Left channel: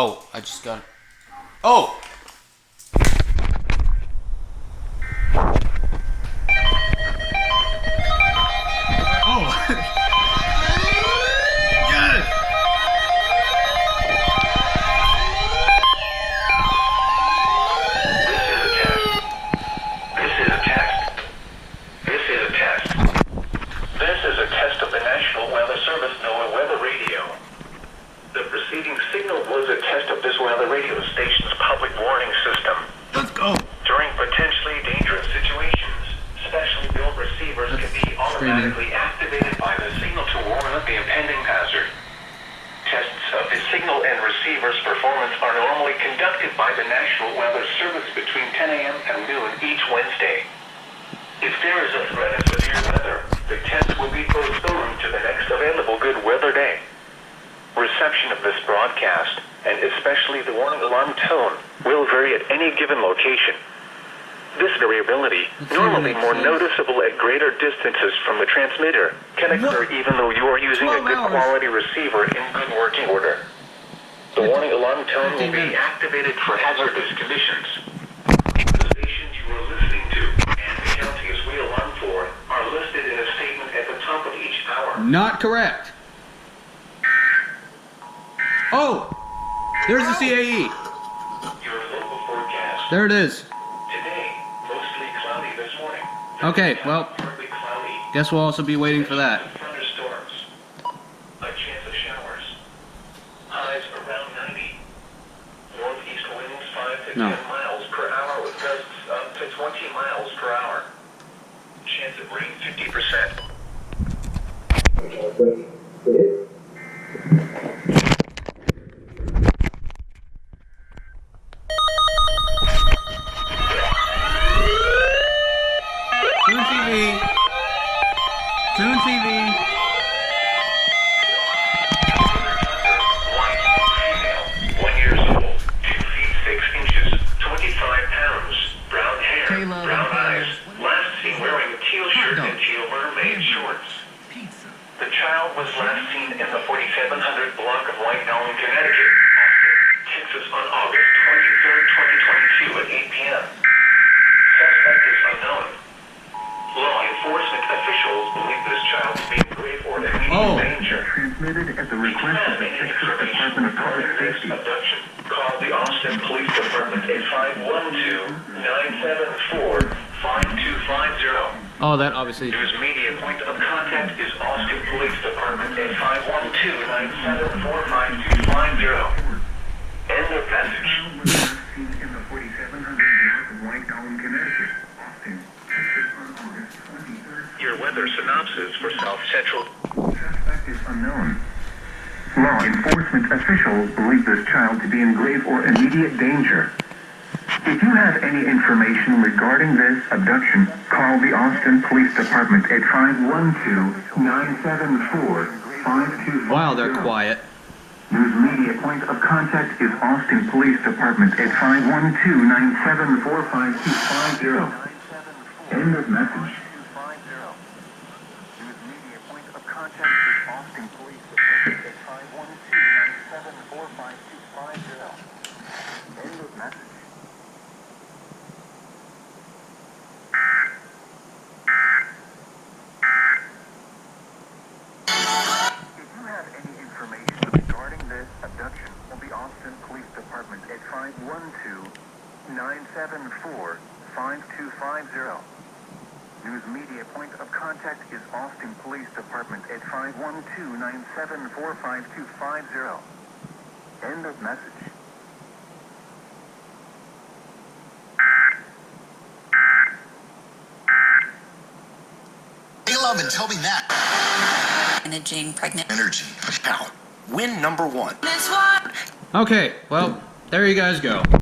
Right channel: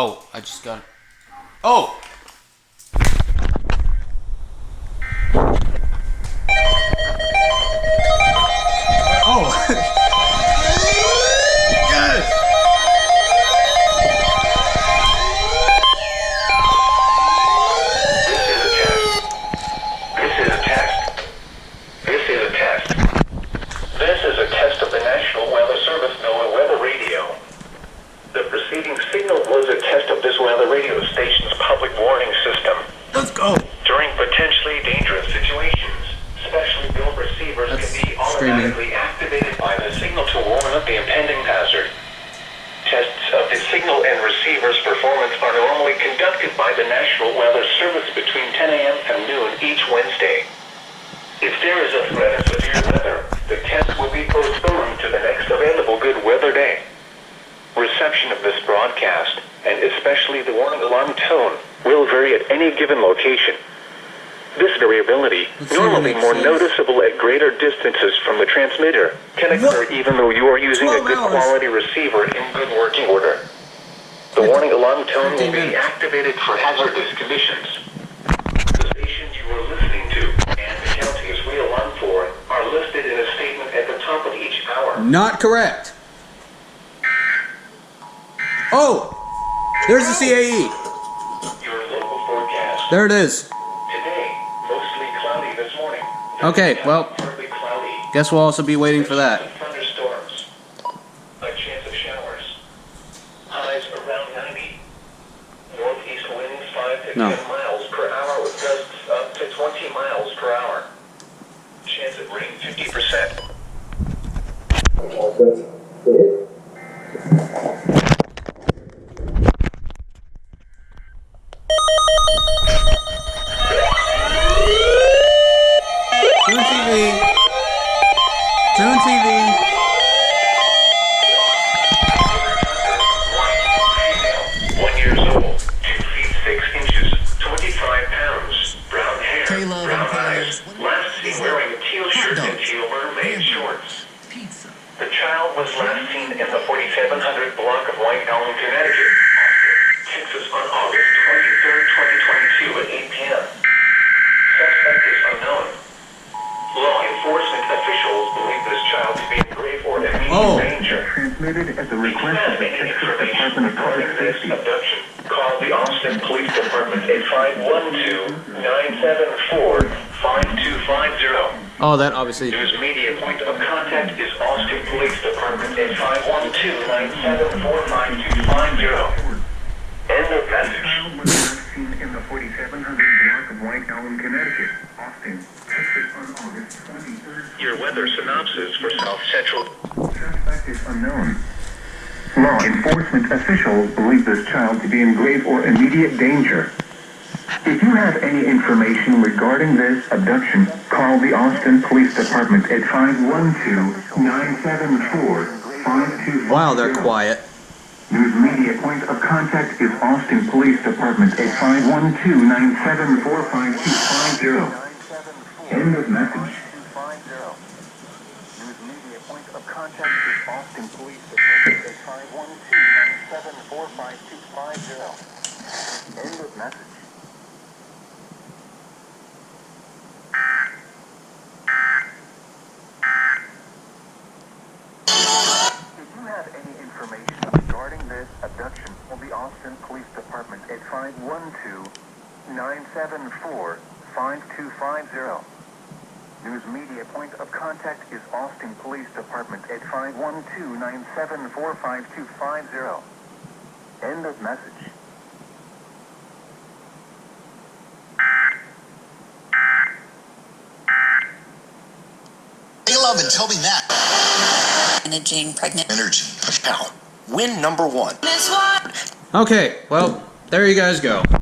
Oh, I just got it. Oh! Oh! Yes! This is a test. This is a test of the National Weather Service NOAA weather radio. The preceding signal was a test of this weather radio station's public warning system. Let's go! During potentially dangerous situations, specially built receivers can be automatically activated by the signal to warn of the impending hazard. Tests of the signal and receiver's performance are normally conducted by the National Weather Service between 10 a.m. and noon each Wednesday. If there is a threat of severe weather, the test will be postponed to the next available good weather day. Reception of this broadcast, and especially the warning alarm tone, will vary at any given location. This variability, normally more noticeable at greater distances from the transmitter, can occur even though you are using a good quality receiver in good working order. The warning alarm tone will be activated for hazardous conditions. The stations you are listening to and the counties we alarm for are listed in a statement at the top of each hour. Not correct. Oh! There's the CAE. Your local forecast. There it is. Today, mostly cloudy this morning. Okay, well, Partly cloudy. guess we'll also be waiting for that. Thunderstorms. A chance of showers. Highs around 90. Northeast winds 5 to 10 miles per hour with gusts up to 20 miles per hour. Chance of rain 50%. Tune TV. Tune TV. Female, 1 years old, 2 feet 6 inches, 25 pounds, brown hair, brown eyes, last seen wearing a teal shirt and teal mermaid shorts. The child was last seen in the 4700 block of White Elm, Connecticut, Texas on August 23rd, 2022 at 8 p.m. Suspect is unknown. Law enforcement officials believe this child to be in grave or immediate danger. Transmitted at the request of the Texas Department of Public Safety. Abduction. Call the Austin Police Department at 512-974-5250. Oh, that obviously. News media point of contact is Austin Police Department at 512-974-5250. End of message. In the 4700 block of White Elm, Connecticut, Austin, Texas on August 23rd. Your weather synopsis for South Central. Suspect is unknown. Law enforcement officials believe this child to be in grave or immediate danger. If you have any information regarding this abduction, call the Austin Police Department at 512-974-5250. Wow, they're quiet. News media point of contact is Austin Police Department at 512-974-5250. End of message. News media point of contact is Austin Police Department at 512-974-5250. End of message. If you have any information regarding this abduction of the Austin Police Department at 512-974-5250. News media point of contact is Austin Police Department at 512-974-5250. End of message. Hey, love, and tell me that. Managing pregnant Energy. Now, win number 1. Okay, well, there you guys go.